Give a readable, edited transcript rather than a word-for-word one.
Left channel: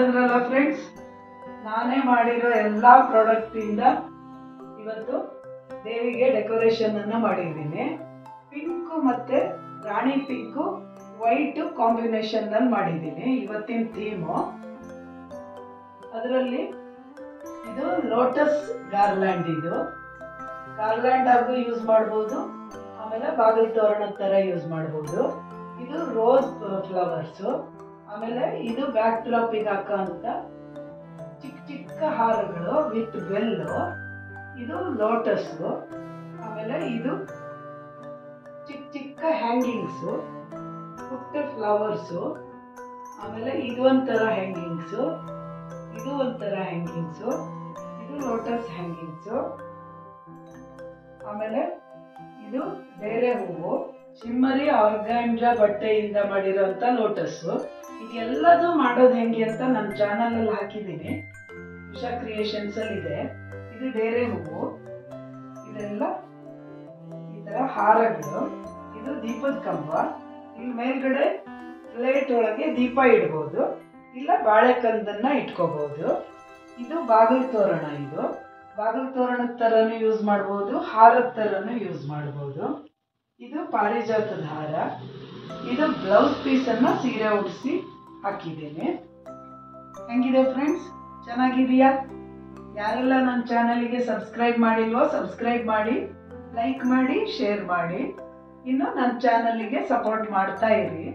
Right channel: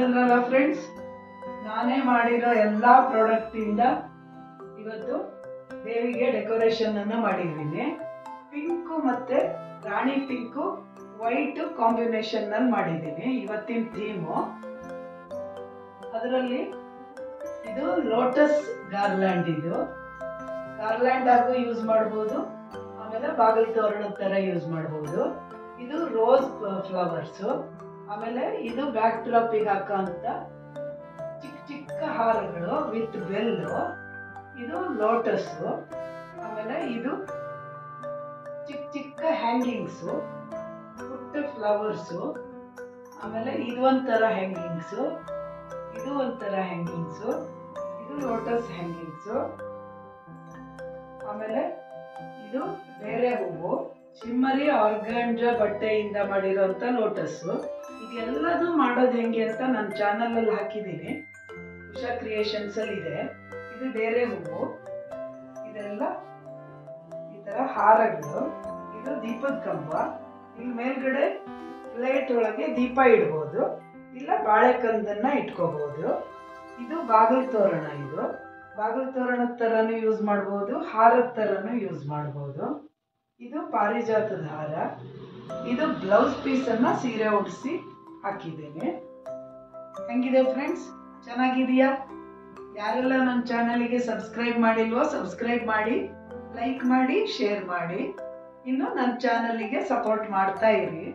ನೋಡಿದ್ರಲ್ಲ ಫ್ರೆಂಡ್ಸ್, ನಾನೇ ಮಾಡಿರೋ ಎಲ್ಲ ಪ್ರಾಡಕ್ಟಿಂದ ಇವತ್ತು ದೇವಿಗೆ ಡೆಕೋರೇಷನ್ ಅನ್ನು ಮಾಡಿದ್ದೀನಿ. ಪಿಂಕು ಮತ್ತು ರಾಣಿ ಪಿಂಕು ವೈಟ್ ಕಾಂಬಿನೇಷನ್ ನಲ್ಲಿ ಮಾಡಿದ್ದೀನಿ ಇವತ್ತಿನ ಥೀಮು. ಅದರಲ್ಲಿ ಇದು ಲೋಟಸ್ ಗಾರ್ಲ್ಯಾಂಡ್, ಇದು ಗಾರ್ಲ್ಯಾಂಡ್ ಆಗು ಯೂಸ್ ಮಾಡ್ಬೋದು, ಆಮೇಲೆ ಬಾಗಿಲು ತೋರಣದ ಥರ ಯೂಸ್ ಮಾಡ್ಬೋದು. ಇದು ರೋಸ್ ಫ್ಲವರ್ಸು, ಆಮೇಲೆ ಇದು ಬ್ಯಾಕ್ ಡ್ರಾಪಿಗೆ ಹಾಕೋ ಅಂತ ಚಿಕ್ಕ ಚಿಕ್ಕ ಹಾರಗಳು ವಿತ್ ಬೆಲ್ಲು. ಇದು ಲೋಟಸ್ಸು, ಆಮೇಲೆ ಇದು ಚಿಕ್ಕ ಚಿಕ್ಕ ಹ್ಯಾಂಗಿಂಗ್ಸು, ಪುಟ್ಟ ಫ್ಲವರ್ಸು, ಆಮೇಲೆ ಇದು ಒಂಥರ ಹ್ಯಾಂಗಿಂಗ್ಸು, ಇದು ಒಂಥರ ಹ್ಯಾಂಗಿಂಗ್ಸು, ಇದು ಲೋಟಸ್ ಹ್ಯಾಂಗಿಂಗ್ಸು, ಆಮೇಲೆ ಇದು ಬೇರೆ ಹೂವು ಶಿಮ್ಮರಿ ಆರ್ಗಾಂಜಾ ಬಟ್ಟೆಯಿಂದ ಮಾಡಿರೋಂಥ ಲೋಟಸ್ಸು. ಇದೆಲ್ಲದೂ ಮಾಡೋದು ಹೆಂಗೆ ಅಂತ ನನ್ನ ಚಾನಲಲ್ಲಿ ಹಾಕಿದ್ದೀನಿ, ಉಷಾ ಕ್ರಿಯೇಷನ್ಸಲ್ಲಿ ಇದೆ. ಇದು ಬೇರೆ ಹೂವು, ಇದೆಲ್ಲ ಈ ಥರ ಹಾರಗಳು. ಇದು ದೀಪದ ಕಂಬ, ಇಲ್ಲಿ ಮೇಲ್ಗಡೆ ಪ್ಲೇಟ್ ಒಳಗೆ ದೀಪ ಇಡ್ಬೋದು, ಇಲ್ಲ ಬಾಳೆಕಂದನ್ನ ಇಟ್ಕೋಬಹುದು. ಇದು ಬಾಗಿಲು ತೋರಣ, ಇದು ಬಾಗಿಲು ತೋರಣದ ಥರನೂ ಯೂಸ್ ಮಾಡ್ಬೋದು, ಹಾರದ ಥರನೂ ಯೂಸ್ ಮಾಡ್ಬೋದು. ಇದು ಪಾರಿಜಾತದ ಹಾರ. ಇದು ಬ್ಲೌಸ್ ಪೀಸನ್ನು ಸೀರೆ ಉಡಿಸಿ ಹಾಕಿದ್ದೇನೆ. ಹೆಂಗಿದೆ ಫ್ರೆಂಡ್ಸ್, ಚೆನ್ನಾಗಿದೆಯಾ? ಯಾರೆಲ್ಲ ನನ್ನ ಚಾನಲಿಗೆ ಸಬ್ಸ್ಕ್ರೈಬ್ ಮಾಡಿಲ್ವೋ ಸಬ್ಸ್ಕ್ರೈಬ್ ಮಾಡಿ, ಲೈಕ್ ಮಾಡಿ, ಶೇರ್ ಮಾಡಿ. ಇನ್ನು ನನ್ನ ಚಾನಲಿಗೆ ಸಪೋರ್ಟ್ ಮಾಡ್ತಾ ಇರಿ.